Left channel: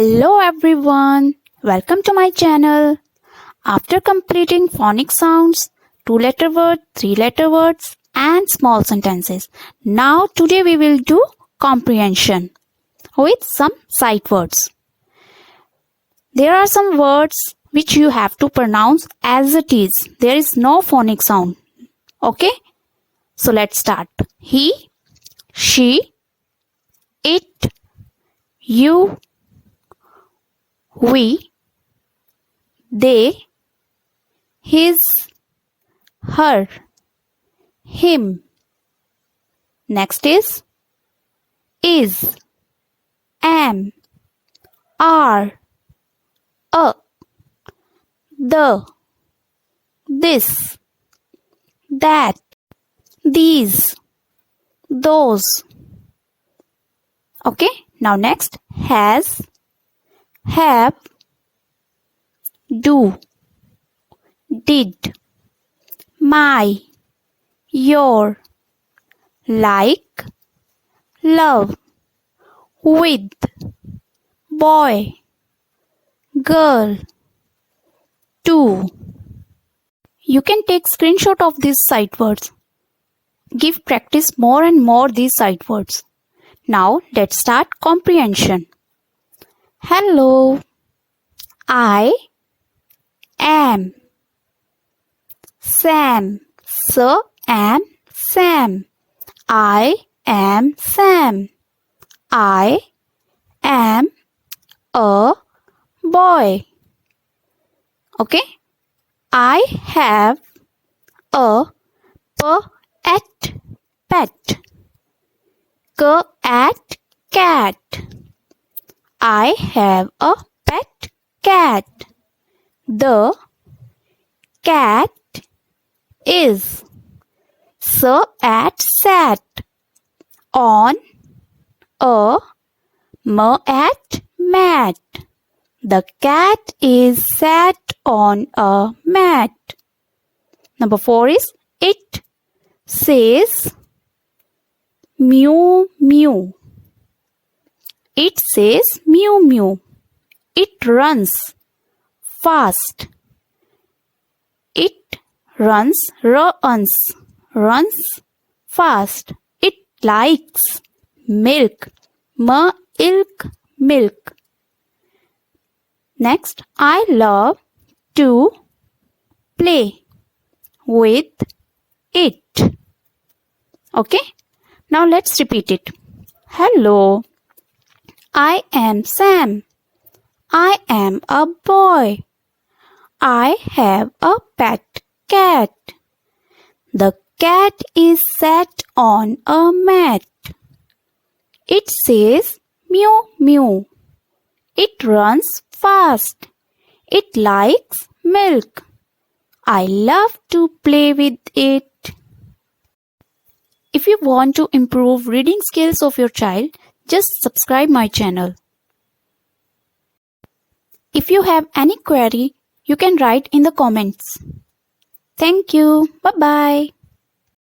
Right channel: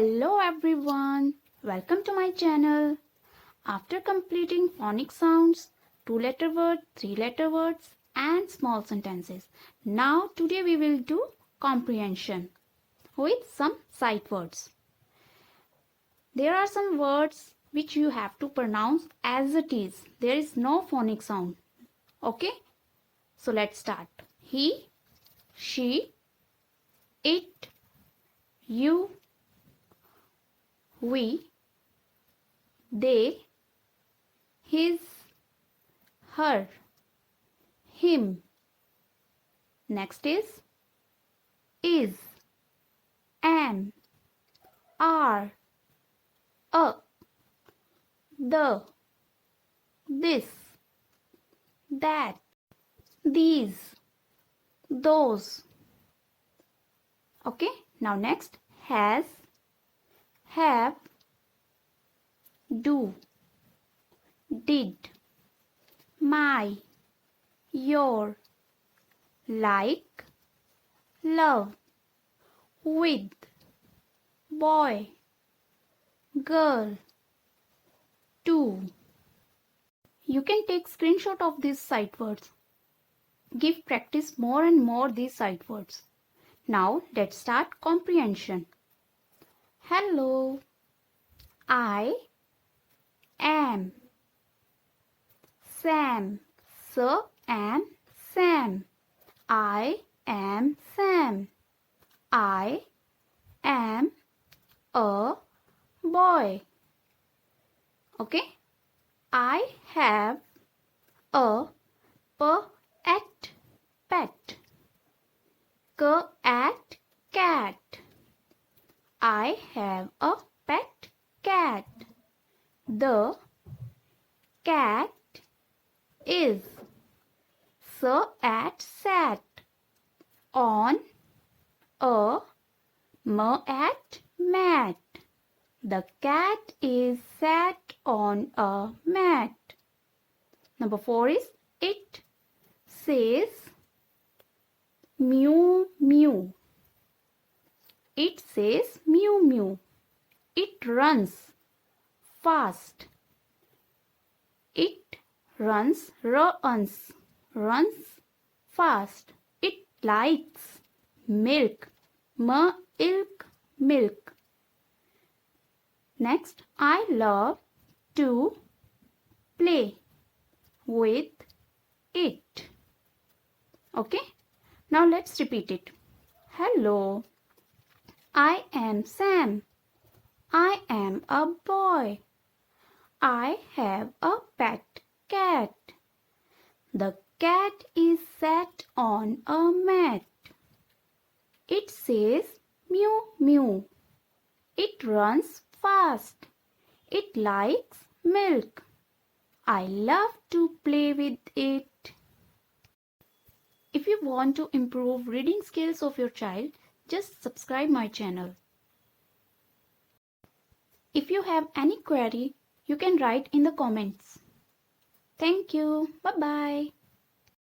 Hello everyone, welcome to my channel. After completing phonic sounds, 2-letter words, 3-letter words and small sentences, now today we will do comprehension with some sight words. There are some words which you have to pronounce as it is. There is no phonic sound. Okay? So let's start. He, she, it, you, we, they, his, her, him. Next is, am, are, the, this, that, these, those. Okay, now next, has, have, do, did, my, your, like, love, with, boy, girl, to. You can take screenshot of these sight words. Give practice more and more these sight words. Now let's start comprehension. Hello, I am Sam. So am Sam. I am Sam. I am a boy. Okay. I have a pet. Cat. I have a pet cat. The cat is sat on a mat. The cat is sat on a mat. Number 4 is it says mew mew. It says mew mew. It runs fast. It runs fast. It likes milk. Milk. Next, I love to play with it. Okay, now let's repeat it. Hello, I am Sam. I am a boy. I have a pet cat. The cat is sat on a mat. It says mew mew. It runs fast. It likes milk. I love to play with it. If you want to improve reading skills of your child, just subscribe my channel. If you have any query, you can write in the comments. Thank you. Bye-bye.